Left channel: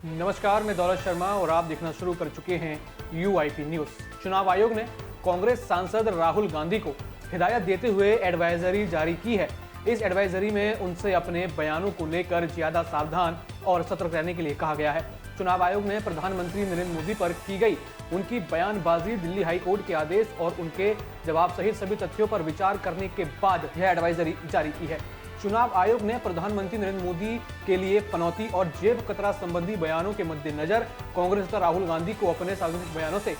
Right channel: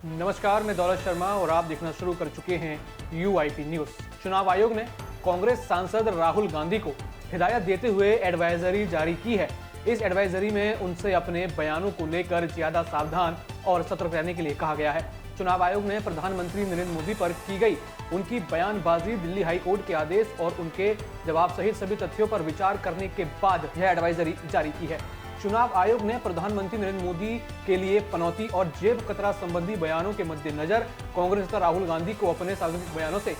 नमस्कार, मैं दौलत शर्मा और आप देखना शुरू कर चुके हैं UIP न्यूज। चुनाव आयोग ने कांग्रेस सांसद राहुल गांधी को हिदायत देते हुए एडवाइजरी जारी की है। इस एडवाइजरी में उनसे अपने बयानों को लेकर ज्यादा सावधान और सतर्क रहने के लिए कहा गया है। चुनाव आयोग ने प्रधानमंत्री नरेंद्र मोदी पर की गई उनकी बयानबाजी, दिल्ली हाई कोर्ट के आदेश और उनके जवाब सहित सभी तथ्यों पर विचार करने के बाद यह एडवाइजरी जारी की है। चुनाव आयोग ने प्रधानमंत्री नरेंद्र मोदी के लिए पनौती और जेब कतरा संबंधी बयानों के मद्देनजर कांग्रेस नेता राहुल गांधी को अपने सार्वजनिक बयानों से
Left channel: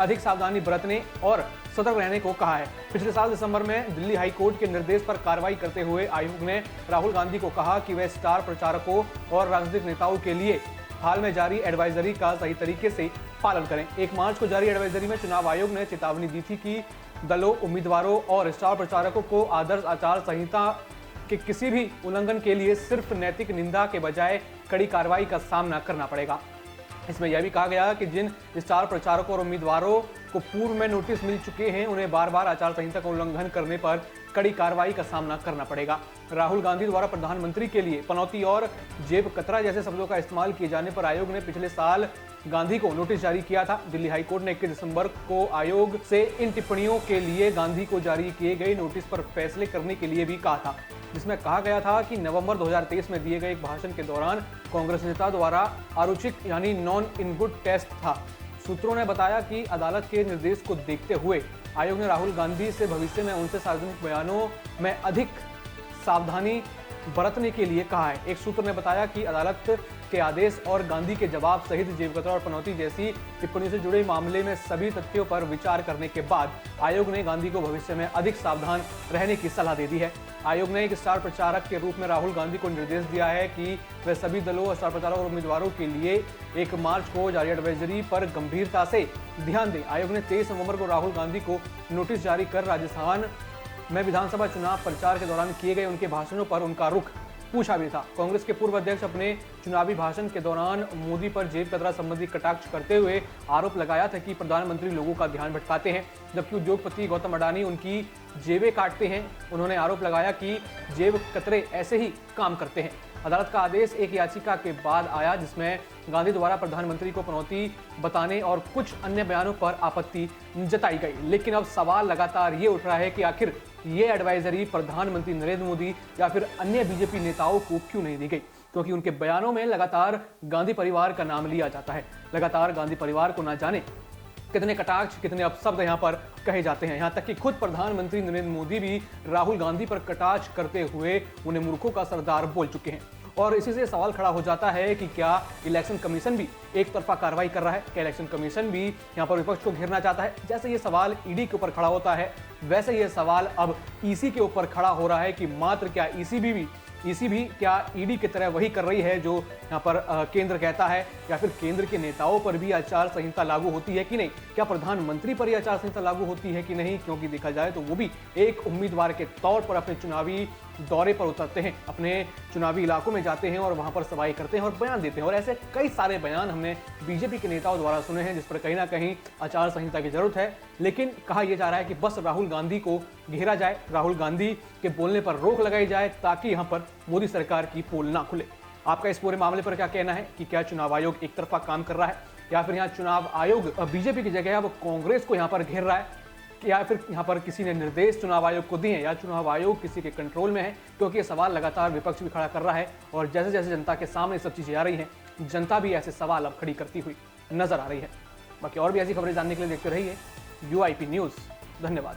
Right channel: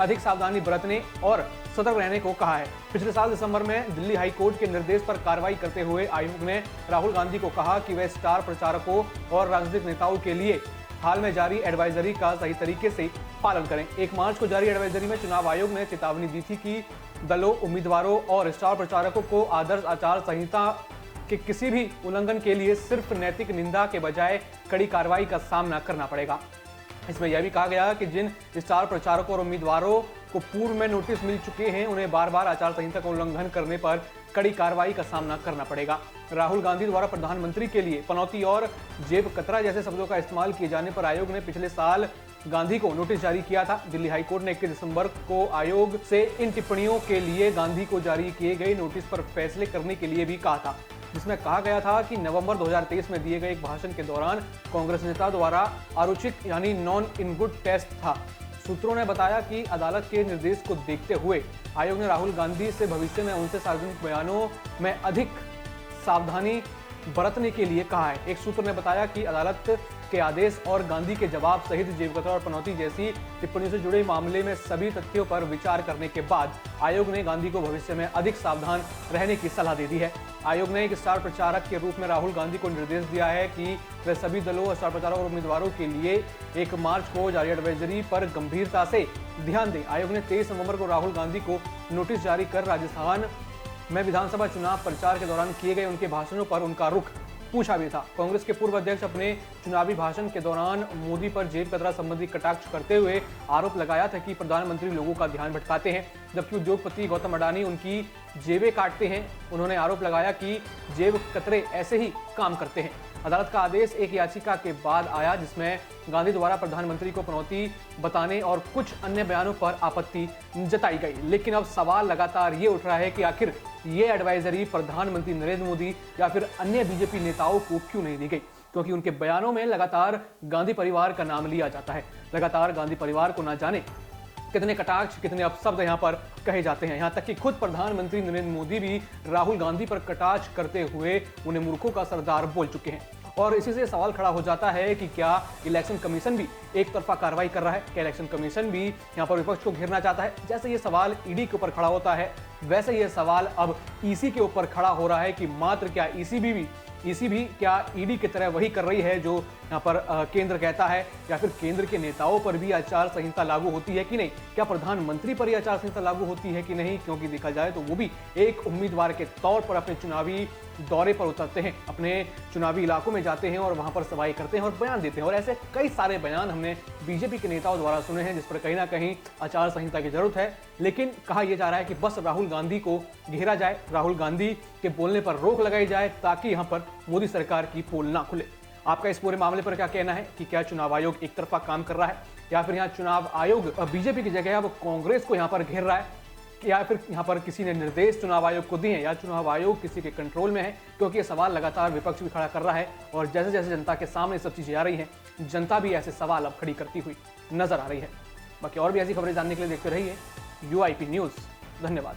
अधिक सावधानी बरतने और सतर्क रहने को कहा है। पिछले साल दिसंबर में दिल्ली हाई कोर्ट के निर्देश पर कार्रवाई करते हुए आयोग ने राहुल गांधी को कहा कि वे स्टार प्रचारकों और राजनीतिक नेताओं के लिए हाल में जारी एडवाइजरी का सही तरीके से पालन करें। 1 मार्च को जारी एडवाइजरी में चुनाव आयोग ने चेतावनी दी थी कि दलों, उम्मीदवारों और स्टार प्रचारकों को आदर्श आचार संहिता कि किसी भी उल्लंघन के लिए सिर्फ नैतिक निंदा के बजाय कड़ी कार्रवाई का सामना करना पड़ेगा। इसमें यह भी कहा गया कि जिन स्टार प्रचारकों और उम्मीदवारों को पूर्व में नोटिस मिल चुके हैं, उन्हें बार बार आचार संहिता का उल्लंघन करने पर कड़ी कार्रवाई का सामना करना पड़ेगा। राहुल गांधी द्वारा प्रधानमंत्री के लिए पनौती और जेब कतरा जैसे शब्दों का इस्तेमाल किए जाने पर आयोग ने पिछले साल गांधी को नोटिस जारी किया था। दिल्ली हाई कोर्ट ने 21 दिसंबर को आयोग से इन टिप्पणियों के लिए गांधी को जारी किए गए नोटिस पर फैसले करने के लिए भी कहा था। इसमें कहा गया था कि नवंबर 2023 में दिए गए एक भाषण के दौरान कांग्रेस नेता द्वारा आरोपित यानी नॉन इन गुड टेस्ट था। सूत्रों ने बताया कि अदालत के निर्देश को देखते हुए आयोग ने राहुल गांधी से भविष्य में उनसे सार्वजनिक बयानों में अधिक सावधानी बरतने के लिए कहा है। एक सूत्र ने बताया कि अदालत के आदेश और गांधी के जवाब सहित जेब कतरा और पनौती जैसी टिप्पणी से जुड़े मामले में सभी तथ्यों पर विचार करने के बाद आयोग ने गांधी को भविष्य में अधिक सावधान रहने की सलाह दे दी है। आयोग ने एक स्टार प्रचारक के रूप में राहुल गांधी को निर्देश दिया है कि वे सभी दलों, स्टार प्रचारकों और उम्मीदवारों के लिए 1 मार्च को जारी एडवाइजरी पर गंभीरता से ध्यान दें। आयोग ने 23 नवंबर को राहुल गांधी को नोटिस जारी कर राजस्थान में विधानसभा चुनाव प्रचार के दौरान किए गए उनके भाषणों पर उनका रुख पूछा भी था। कांग्रेस के पूर्व अध्यक्ष अपने चुनावी भाषण के दौरान मोदी पर जेब कतरा संबंधी कटाक्ष करते हुए आरोप लगाया था कि प्रधानमंत्री लोगों का ध्यान भटकाते हैं, जबकि उद्योगपति गौतम अडानी उनकी जेबें काटते हैं। उन्होंने आरोप लगाया कि जेब कतरे ऐसे ही काम करते हैं। अदालत का आदेश एक याचिका के बाद आया जिसमें गांधी द्वारा प्रधानमंत्री को पनौती बताने और कुछ अन्य बयानों पर आपत्ति जताई गई। लेकिन अब सवाल लगातार ये उठ रहा है कि आखिर ये एडवाइजरी प्रधानमंत्री नरेंद्र मोदी या फिर अन्य बीजेपी नेताओं को क्यों नहीं दी गई, क्योंकि उनके बयानों में लगातार गांधी परिवार का नाम लिया जाता है। लगातार गांधी परिवार को न जाने कितने कटाक्ष, कितने अपशब्द यहाँ पर कहे जाते हैं। यहाँ तक कि खुद प्रधानमंत्री नरेंद्र मोदी भी राहुल गांधी पर कटाक्ष करते हुए उन्हें मूर्खों का सरदार बोल चुके हैं। और इसी से सवाल खड़ा हो जाता है कि क्या इलेक्शन कमीशन भी एक तरफा कार्रवाई कर रहा है? क्या इलेक्शन कमीशन भी यहाँ पर विपक्ष को घेरना चाहता है? जैसे ये सवाल ईडी के ऊपर खड़ा होता है, वैसे ये सवाल अब ईसी के ऊपर खड़ा हो रहा है कि मात्र क्या ईसी भी क्या ईडी की तरह वही कर रही है जो यहाँ पर केंद्र कहता है, या फिर केंद्र के नेताओं पर भी आचार संहिता लागू होती है कि नहीं? क्या प्रधानमंत्री पर यह आचार संहिता लागू होती है कि नहीं? क्योंकि देखा जाए तो वो भी एक उम्मीदवार के तौर पर अपने चुनावी दौरे पर उतरते हैं, अपने चुनावी इलाकों में जाते हैं और वहां पर सभाएं करते हैं और बयान देते हैं। और ऐसे कई सारे बयान हमने बीजेपी के नेताओं द्वारा सुने हैं जिस पर कहीं ना कहीं आचार संहिता की जरूरत है। लेकिन कहा यह जा रहा है कि बस राहुल गांधी को घेरा जाए, राहुल गांधी के बोलने पर रोक लगाई जाए ताकि यहाँ पर मोदी सरकार की पोल ना खुले। आपका इस पूरे मामले पर क्या कहना है कि क्या चुनाव आयोग एक तरफा काम कर रहा है, या फिर यहाँ चुनाव आयोग बीजेपी की जगह अब कांग्रेस को यहाँ पर घेर रहा है, या फिर यहाँ पर किसी ने निर्देश चुनाव आयोग को दिए हैं, या चुनाव आयोग किसी के कंट्रोल में है? क्योंकि ये सवाल लगातार विपक्ष भी खड़ा कर रहा है और जैसे जैसे जनता के सामने सब चीजें आ रही है, जनता भी ऐसे सवाल अब खड़ी करती हुई नजर आ रही है। बाकी और भी ऐसी खबरें जानने के लिए देखते रहिए UIP न्यूज। धन्यवाद।